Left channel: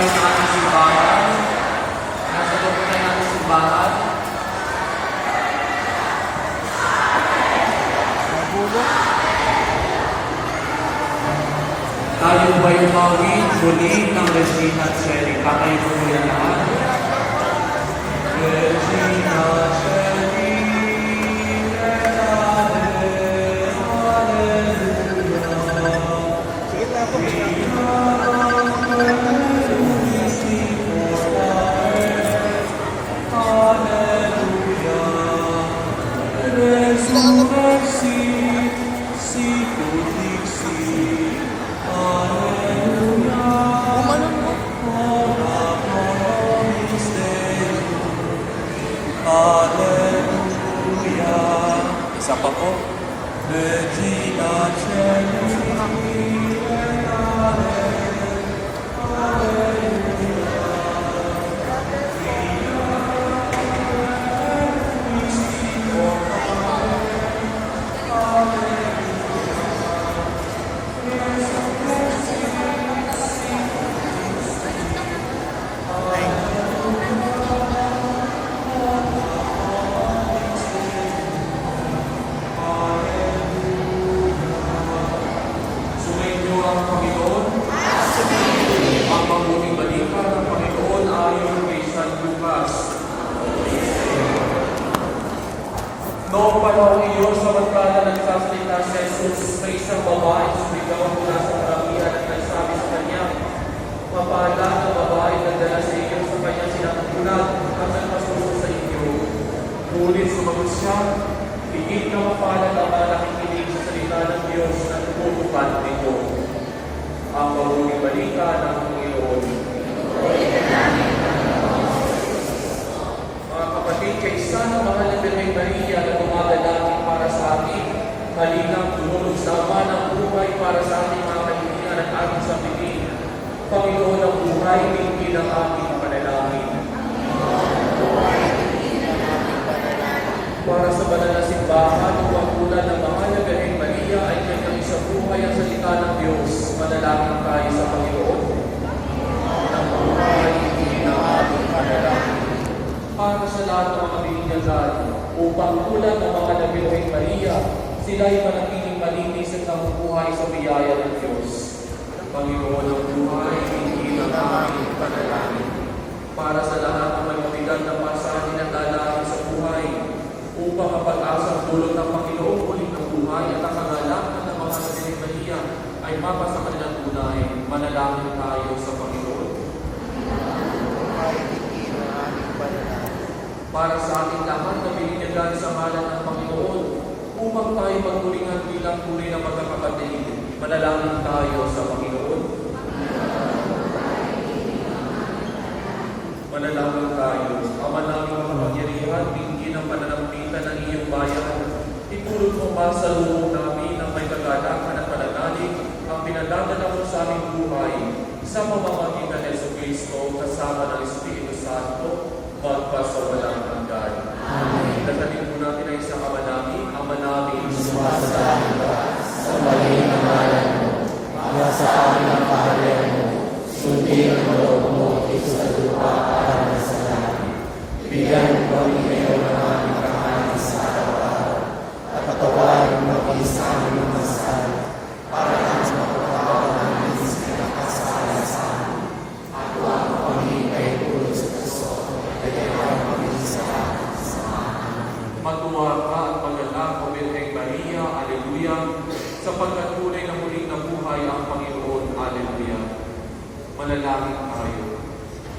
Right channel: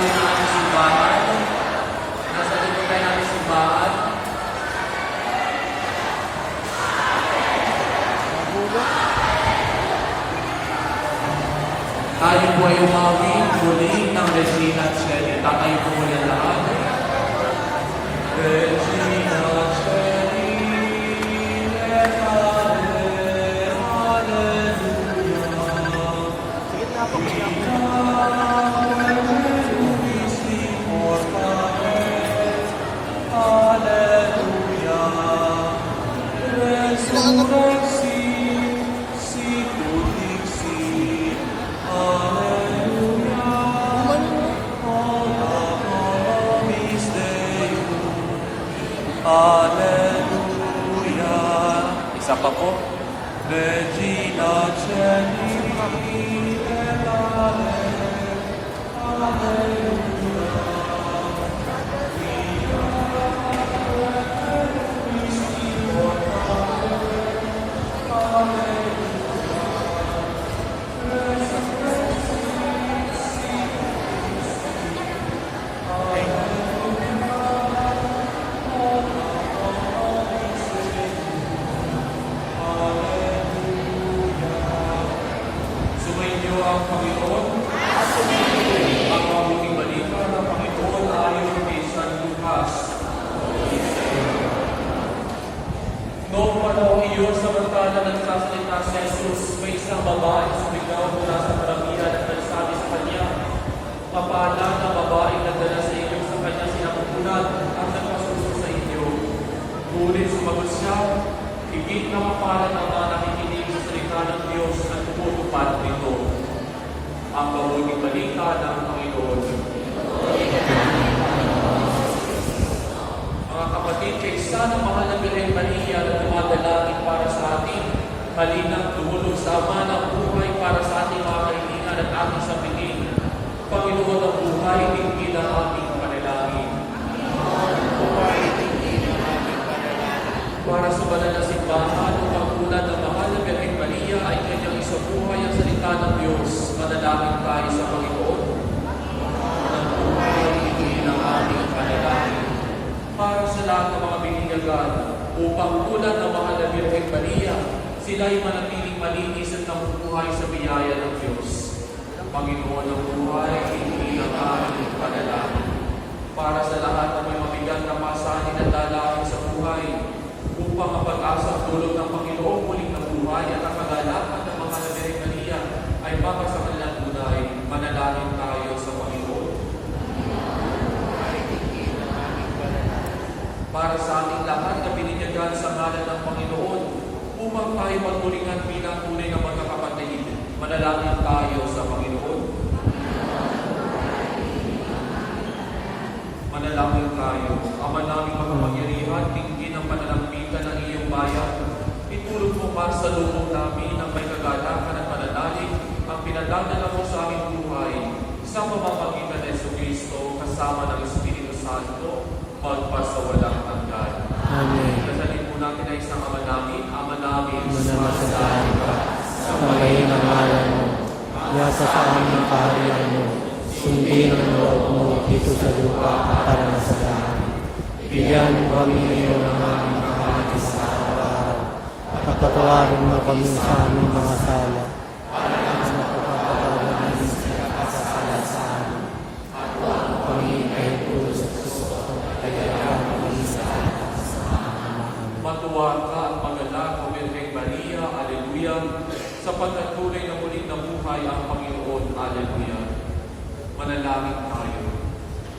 tayo ng ating simbahan. Nasa loob tayo ng ating simbahan. Tayo po ay umawit muli ng Regina Coeli. Tatayo po muna lahat. Regina Coeli, Hallelujah. Isa pa po. Regina Coeli. Sumainyo ang Panginoon. Ang mabuting balita ng Panginoon ayon kay San Lucas. Noong panahon iyon, samantala nagsasalita si Jesus, may isang babae sumigaw mula sa karamihan at nagsabi sa kanya, "Mapala na babae nagdala sa iyo sa kanyang sinapupunan at nagpasuso sa inyo." Ngunit sumagot siya, "Higit na mapalad ang mga nakikinig sa salita ng Diyos at tumutupad nito." Ang mabuting balita ng Panginoon. Mga kapatid, kaysa ng mahal na Birheng Maria na dumadalangin para sa atin, halinang tumulog sa Ama ng buhay para sa ating mga kaibigan at ating sambitin. Panginoon ng buhay, tingin ang aming panalangin. Para sa banal na simbahan, upang tulad ng mahal na Birheng Maria ay kanyang isang buhay ang salita ng Diyos, manalangin tayo sa Panginoon. Ng buhay, tingin ang aming panalangin. Para sa lahat ng mga bininyagan, upang tulad ng mahal na Birheng Maria, sila ay manatiling malinis at namubuhay sa biyaya ng Diyos. Panginoon ng buhay, tingin ang aming panalangin. Para sa lahat ng may mabigat na pasanin at dalahin sa buhay, upang ang pag-asang tulog ng Panginoong muling ng buhay at ang kagalakan ng mga Birheng Maria ay mapasa kanilang tunay, manalangin tayo sa Panginoon. Para sa ating lahat na bininyagan sa ngalan ng Panginoon, upang tayo magtulingan bilang tunay na magkakapatid, manalangin tayo sa Panginoon. Manalangin tayo. Ama namin makapangyarihan, tingin ang pananampalataya ng iyong bayan. Itulog mo man sa loob namin ang may kagalakan at pananalig ang pinadadala mo sa aming buhay sa pamamagitan ng Jesucristo kasama ng Espiritu Santo magpasawalang hanggan. Amen. Dasalin po natin ay isang Ama namin, Sumasalaan ka sa malay na ngalan mo, nasa pamang kaharian mo, sundin ang loob mo dito sa lupa para sa langit. Bigyan mo kami ngayon ng aming kakanin sa araw-araw, at patawarin mo kami sa aming mga masaya, para kami mapapatawa namin sa pinakasala sa amin. At huwag mo kami ay pulot sa puso, at kailangan kami sa amin sa matuwa ka at magalak o Birheng Maria, Alleluia, sapagkat tunay na muling nabuhay ang Panginoon, Alleluia. Manalangin tayo.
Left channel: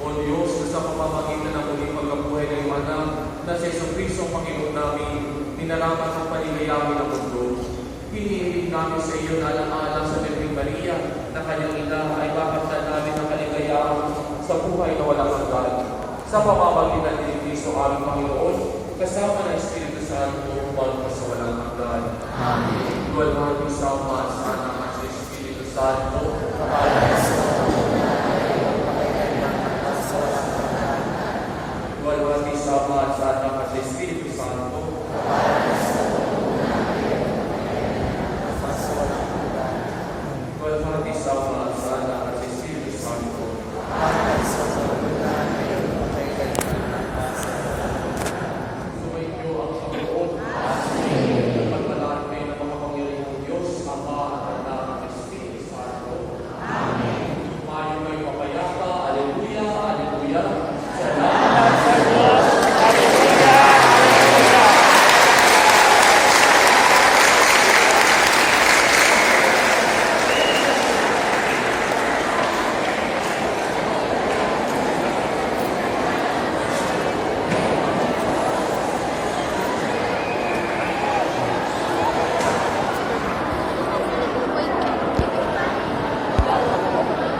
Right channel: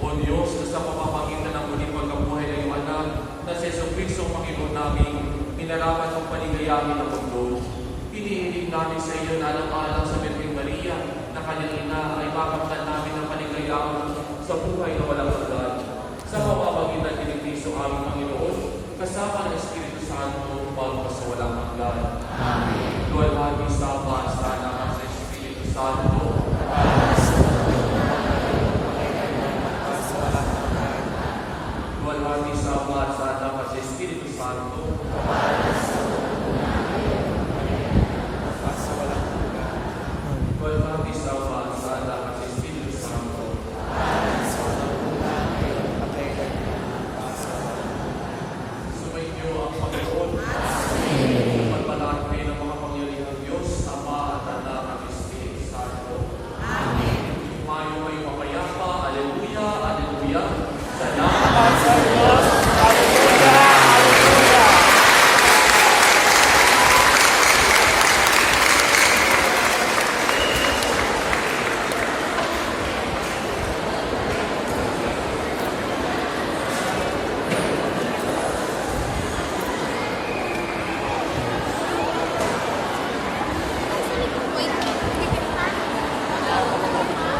O Diyos, na sa pamamagitan ng muling pagkabuhay ng iyong anak, na si Jesucristo ang Panginoon namin, minarapat ang panigayamin ng mundo. Hinihiling namin sa iyo na alang-alang sa Birheng Maria, na kanyang ina ay mapagtan namin ng kaligayahan sa buhay na walang hanggan. Sa pamamagitan ni Kristo aming Panginoon, kasama ng Espiritu Santo, magpasawalang hanggan. Amen. Luwalhati sa Ama, sa Anak, at sa Espiritu Santo,